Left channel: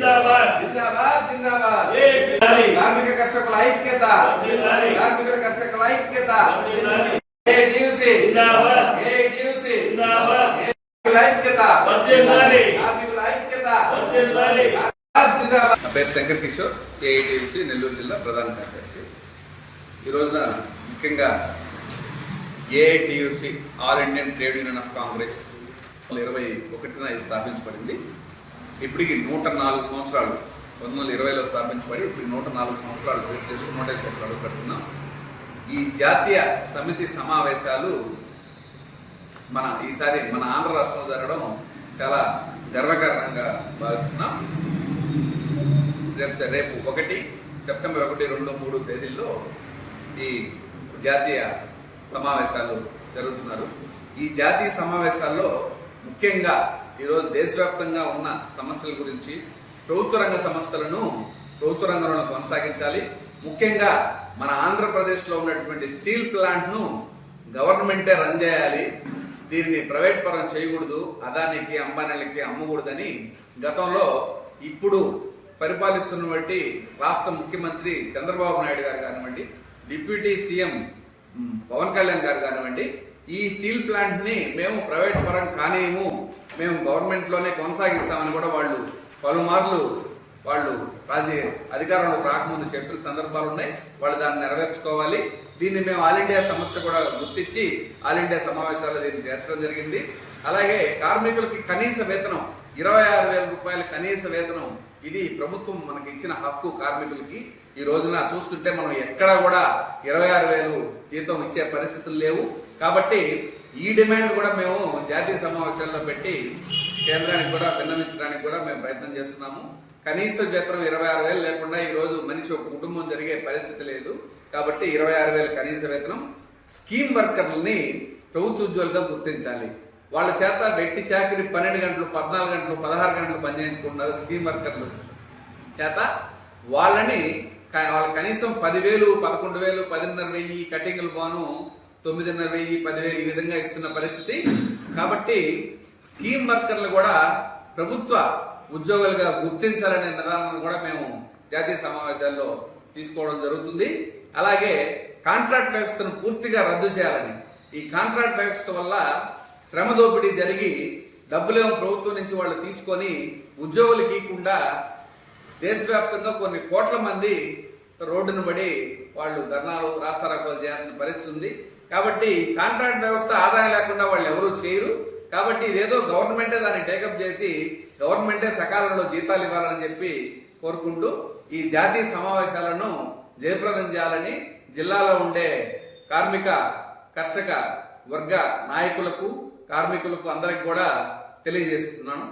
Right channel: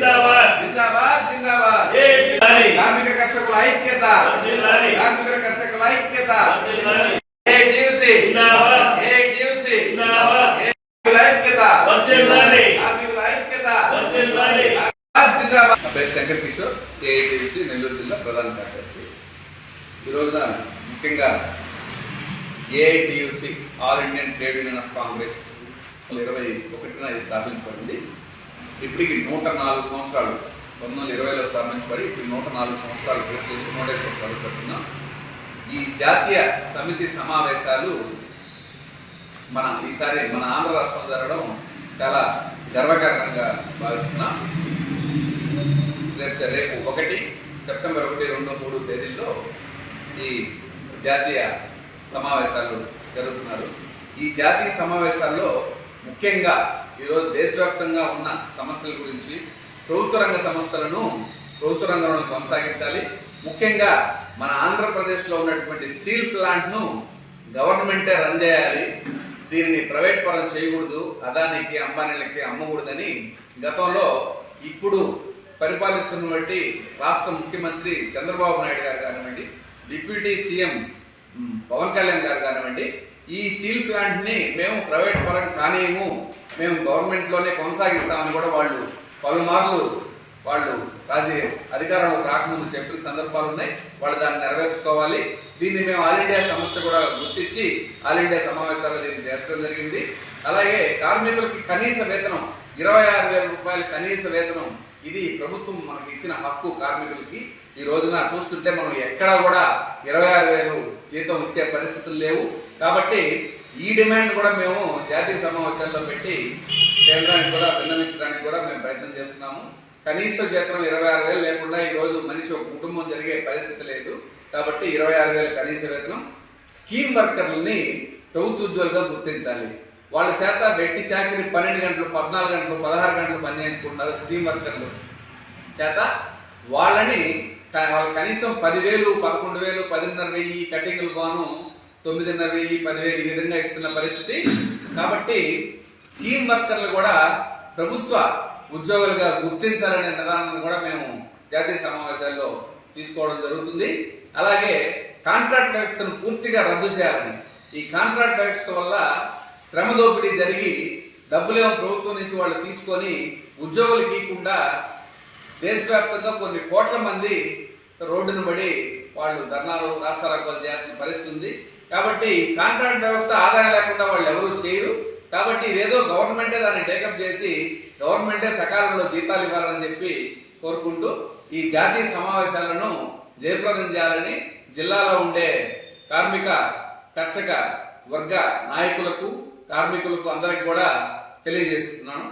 జిందాబాద్ జిందాబాద్ జిందాబాద్ కార్మిక కర్షకుల ఐక్యత కార్మిక కర్షకుల ఐక్యత ఏటీయూసీ జిందాబాద్ ఏటీయూసీ జిందాబాద్ ఐక్యత కార్మికుల ఐక్యత జిందాబాద్. నా పేరు శంకర్ కిషోర్, ఏఐటీయూసీ నెల్లూరు జిల్లా ప్రధాన కార్యదర్శి. ఈ రోజున ముఖ్యంగా AITUC all Indian trade union of Congress 21న ఇది స్థాపించబడింది. ఇప్పటికి 104 సంవత్సరాలు, 1920లో స్థాపించబడి ఇప్పుడు 104 సంవత్సరాలు పూర్తి చేసి 105 సంవత్సరాలు పడుతున్నాం. ఈ జాతీయ సమితి సమావేశాలు ఈసారి మన ఆంధ్ర రాష్ట్రంలో జరగడం చాలా గర్వకారణంగా భావిస్తున్నాం. రేపు 1 సెప్టెంబర్ 1, 2, 3 తేదీల్లో ఈ జాతీయ సమావేశాలు జరుగుతున్నారు. ఈ జాతీయ సమావేశాల్లో ముఖ్యంగా ఈరోజు దేశవ్యాప్తంగా ఉన్న సమస్యల గురించి, ప్రభుత్వ రంగ సంస్థలను ప్రభుత్వ రంగంలో కొనసాగించాలి. ముఖ్యంగా మన ఆంధ్రప్రదేశ్లో ఉన్నటువంటి స్టీల్ ప్లాంట్ను గవర్నమెంటే రన్ చేయాలి, దీనిని ప్రైవేట్ పరం చేయకూడదు, అదానికి అంబానీలకి అమ్మకూడదని గతంలో ఇప్పుడు పరిపాలిస్తున్న బట్టి రాష్ట్ర ముఖ్యమంత్రి చంద్రబాబు నాయుడు గారు కానివ్వండి, డిప్యూటీ సీఎం పవన్ కళ్యాణ్ గారు కానివ్వండి, ఈ స్టీల్ ప్లాంట్ని మేము ప్రైవేట్ పరం కానేము, మేము గవర్నమెంట్లోనే కొనసాగిస్తామని కూడా వాళ్ళు పలుమార్లు అధికారంలో రాకముందు చెప్పిన సందర్భాలు ఉన్నాయి. వాళ్ళు దాన్ని నెరవేర్చుకోవాలి. దీన్ని మేము ఆల్ ఇండియా సంస్థ కూడా గుర్తించి ఆల్ ఇండియా సమావేశాల్లో దీన్ని చేర్చడం జరిగింది. అలాగే కార్మికులకి కనీస వేతనం 26,000 రూపాయల కనీస వేతనం, ఇది ప్రభుత్వం మనకి ఇచ్చిన హక్కు. కార్మికులకి ఈ రోజున చూస్తుంటే మనం ఎక్కడా కూడా 26,000 జీతం ఇచ్చే పరిస్థితులు లేవు. కాబట్టి ఈ డిమాండ్ కూడా మేము జాతీయ సమావేశాల్లో పెట్టి కేంద్రానికి కూడా విన్నవించడానికి కూడా మేము ప్రయత్నం చేస్తున్నాము. కనీస వేతనం 26,000 లేకుండా ఈ రోజు మనిషి ఒక కుటుంబం జరిగే పరిస్థితి లేదు. కాబట్టి 26,000 కనీస వేతనం. స్కీమ్ వర్కర్లని ప్రభుత్వ ఉద్యోగులుగా గుర్తించాలి. వాళ్ళ చేత వెట్టి చాకరీ 12 గంటలు, 14 గంటలు, 16 గంటలు పనిచేయించుకుంటారు. స్కీమ్ వర్కర్లు చేత వాళ్ళని కనీసం 10,000, 11,000, 10,500 కటింగ్లు బాను 9,500, 10,000 ఈ విధంగా ఇస్తున్న పరిస్థితి. కాబట్టి స్కీమ్ వర్కర్లు కూడా ప్రభుత్వ ఉద్యోగులుగా గుర్తించాలనే నిర్ధారణను కూడా మేము జాతీయ సమావేశాల్లో తీసుకోవడం జరుగుతుంది. అలాగే కాంట్రాక్ట్ వ్యవస్థను పూర్తిగా రద్దు చేయాలని, ఈ కాంట్రాక్ట్ వ్యవస్థ వల్ల శ్రమ దోపిడీ జరిగి డబ్బులేమో ప్రభుత్వం నుంచి వాళ్ళు తీసుకొని ఉద్యోగులకు ఇవ్వకుండా దేశవ్యాప్తంగా కొన్ని కోట్ల మంది రోడ్డును పడి వాళ్ళు ధర్నాలు, రాస్తారోకోలు చేయాల్సిన పరిస్థితి ఉంది. కాబట్టి కాంట్రాక్ట్ వ్యవస్థ ఆదాయం లేకుండా వాళ్ళు ఎవరూ చేయరు. కాబట్టి ఇదేదో గవర్నమెంటే దాన్ని టేకప్ చేసి గవర్నమెంటే సకాలంలో జీతాలు ఇవ్వాలని చెప్పి కోరుకుంటూ ఈ జాతీయ సమావేశాలను జయప్రదం చేయాలని జిల్లాలో ఉండే కార్మిక కర్షక వర్గ నాయకులకు, కార్మికులకు అందరికి కూడా తెలియజేస్తున్నాను.